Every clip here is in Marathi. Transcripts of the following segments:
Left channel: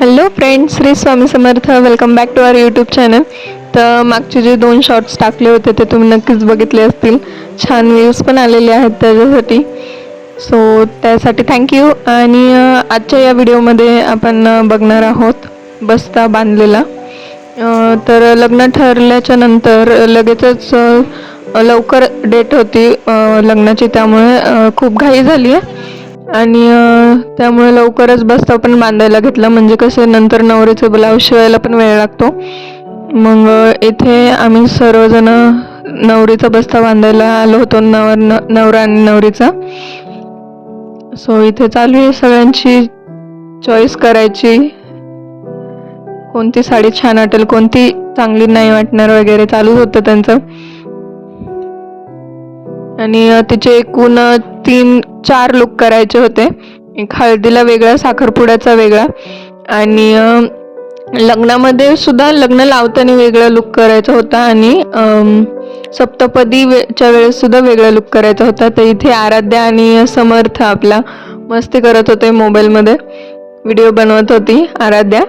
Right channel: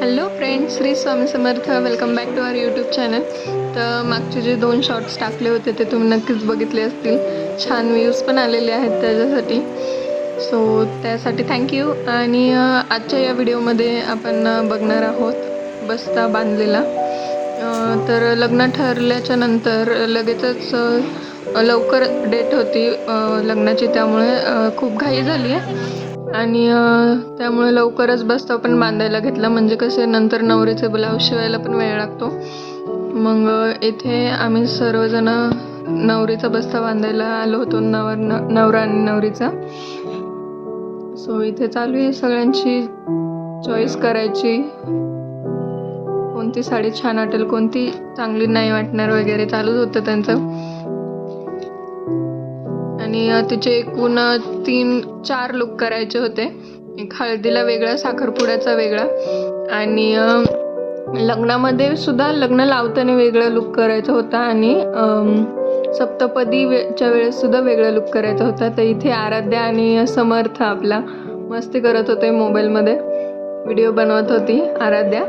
Hello friends Shri Swami Samarth. Welcome back to our YouTube channel तर मागचे जे दोन शॉर्ट्स टाकले होते ते तुम्ही नक्कीच बघितले असतील. छान व्ह्यूज पण आलेले आहेत त्याच्यासाठी. सो त्यासाठी थँक्यू आणि आजच्या या व्हिडिओमध्ये आपण बघणार आहोत बस्ता बांधलेला. तर लग्न ठरल्याच्या नंतर लगेचच लवकर डेट होती लग्नाची. त्यामुळे खूप घाई झाली आहे आणि त्यामुळे लवकरच बस्ता पण बांधायला घेतला. म्हणजे कसं नंतर नवरीचे ब्लाऊज शिवायला पण वेळ लागतो. मग इथे आम्ही सर्वजण नवरीचा बस्ता बांधायला आलो होतो नवर न- नवरा आणि नवरीचा. सो इथे चालू आहे सगळ्यांची चॉईस करायची. कोणती साडी छान वाटेल कोणती चांगली नाही वाटणार वगैरे चालूच होतं त्यांचं. आणि तिचे एकूण तीन चार लुक करायचे होते. एक हळदीला वेगळा साखरपुड्याचा वेगळा. आणि लग्नामध्ये सुद्धा लग्न लावताना वेगळा लुक करायचा होता आणि सप्तपदीच्या सप्तपदी वे- च्या वेळेस सुद्धा वेगळा लुक करायचा होता. तर इथे आराध्या आणि समर्थ आपला मस्ती करत होते मोबाईलमध्ये. व्हिडिओ बनवत होती आराध्या.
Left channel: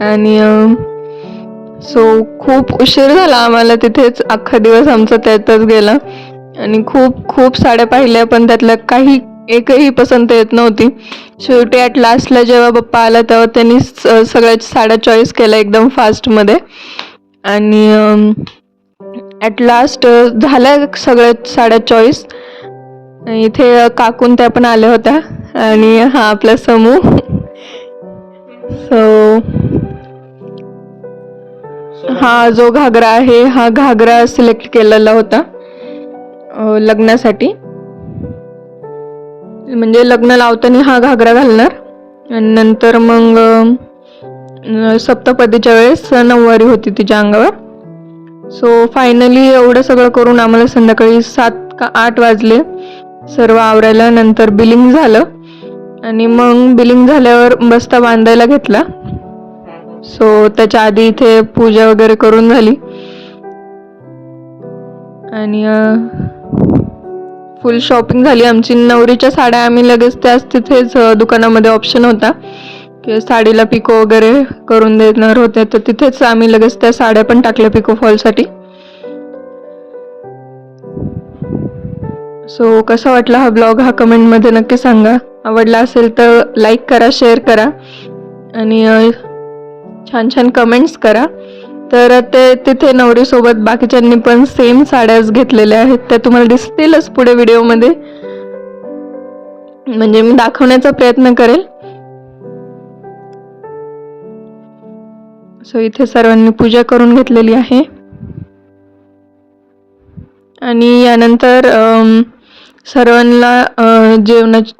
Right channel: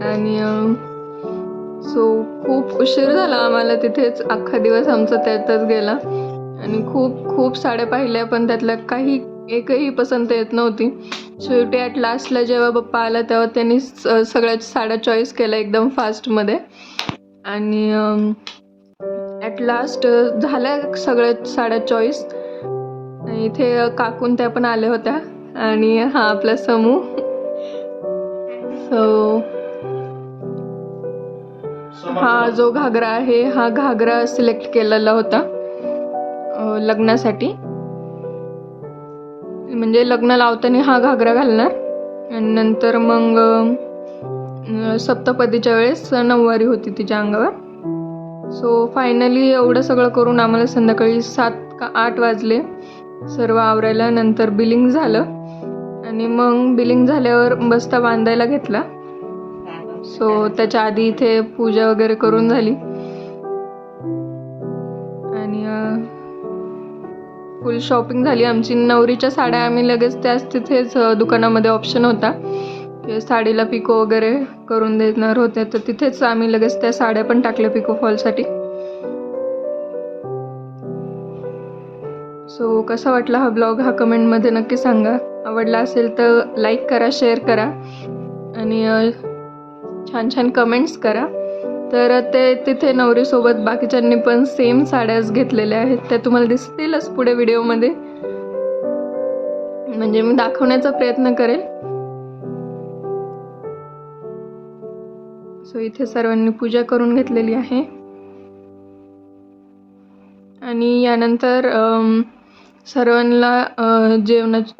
आणि सो खूप उशीर झाला आम्हाला तिथेच. अख्खा दिवस आमचा त्यातच गेला. आणि खूप खूप साड्या पाहिल्या पण त्यातल्या काही एकही पसंत येत नव्हती. शेवटी ॲट लास्टला जेव्हा पप्पा आला तेव्हा त्यांनी स- सगळ्या साड्या चॉईस केल्या एकदम फास्टमध्ये आणि ॲट लास्ट झाल्या सगळ्या साड्या चॉईस इथे काकून त्या पण आल्या होत्या. आणि हा आपला समूह सो हा जो घागरा आहे हा घागरा सिलेक्ट केलेला होता. लग्नासाठी. म्हणजे लग्न लावताना हा घागरा घालणार. आणि नंतर मग सप्तपदीच्या वेळेस नऊवारी होती तिच्या अंगावर. सो फायनली एवढं सगळं करून आम्हाला संध्याकाळी सात का आठ वाजले. सर्व आवरायला नंतर बिलिंग झालं. आणि मग बिलिंग झाल्यावर बस्ता बांधायला घेतला. सो त्याच्या आधी इथे पूजा वगैरे करून झाली. आणि फुल शॉपिंग झाली. आमची नवरीच्या साड्या आम्ही लगेच त्याच तिथेच दुकानामध्ये ऑप्शन होता. की साडीला पिको वगैरे करून देणार होते. तर तिथेच आम्ही लगेच त्या साड्या पण टाकल्या पिको फॉलसाठी. सो कसा वाटला हा ब्लॉग हा कमेंटमध्ये नक्की सांगा. आवडला असेल तर लाईक करा शेअर करा. आणि छान छान कमेंट्स करा. तर ते तिथे नवरीसोबत बाकीच्यांनी पण सेम साड्याच घेतलेल्या आहेत. त्या तुम्हाला दिसतीलच पुढे व्हिडिओमध्ये. म्हणजे मी दाखवण्याचा प्रयत्न करेल. सो इथे सर्वांनी पूजा करून घेतलेली आहे. आणि यानंतर सर्वांना अ, जेवणाची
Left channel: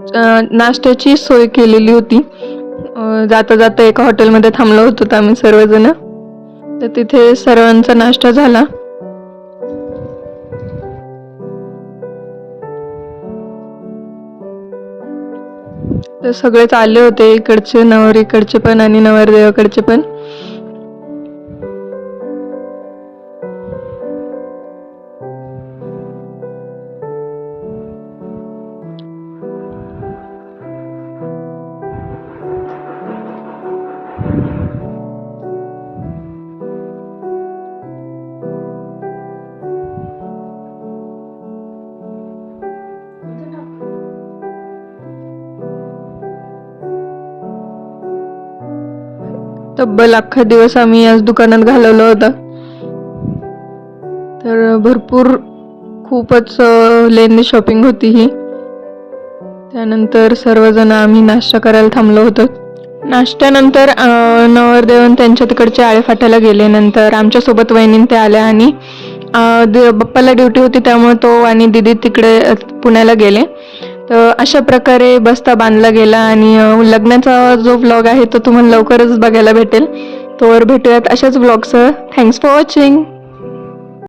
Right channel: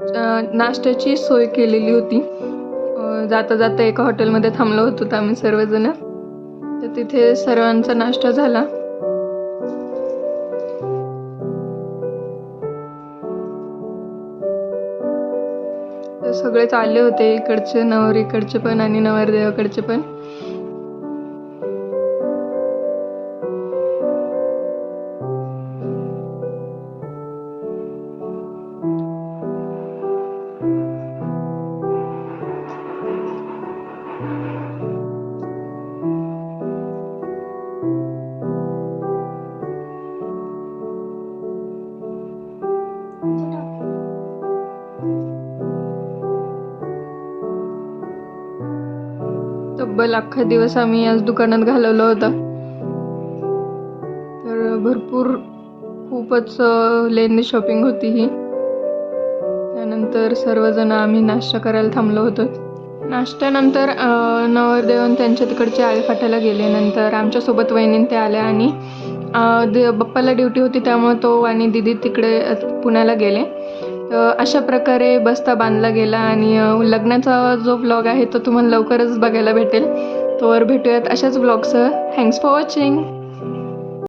नाश्त्याची सोय केलेली होती. जाता जाता एका हॉटेलमध्ये थांबलो होतो आम्ही सर्वजण. तर तिथे सर्वांचा नाश्ता झाला. तर सगळेच आले होते इकडचे नवर इकडचे पण आणि नवरदेवाकडचे पण. तब्बल अख्खा दिवस आम्ही याच दुकानात घालवला होता. तर भरपूर खूपच लेंदी शॉपिंग होती ही. त्यानंतर सर्वजण आम्ही नाश्ता करायला थांबलो होतो. नाश्त्यानंतर नवरदेवन त्यांच्या तिकडचे आळे फाटायला गेले. नंतर आमच्यासोबत वहिनीं ते आल्या आणि दि- बाप्पाला ड्युटी होती त्यामुळे तो आणि दिदी तिकडे पुण्याला गेले. तर अशा प्रकारे बस्ता बांधला गेला आणि लग्नाचा जो व्लॉग आहे तो तुम्हाला लवकरच बघायला भेटेल. तोवर भेटूयात अशाच ब्लॉगसह थँक्स फॉर वॉचिंग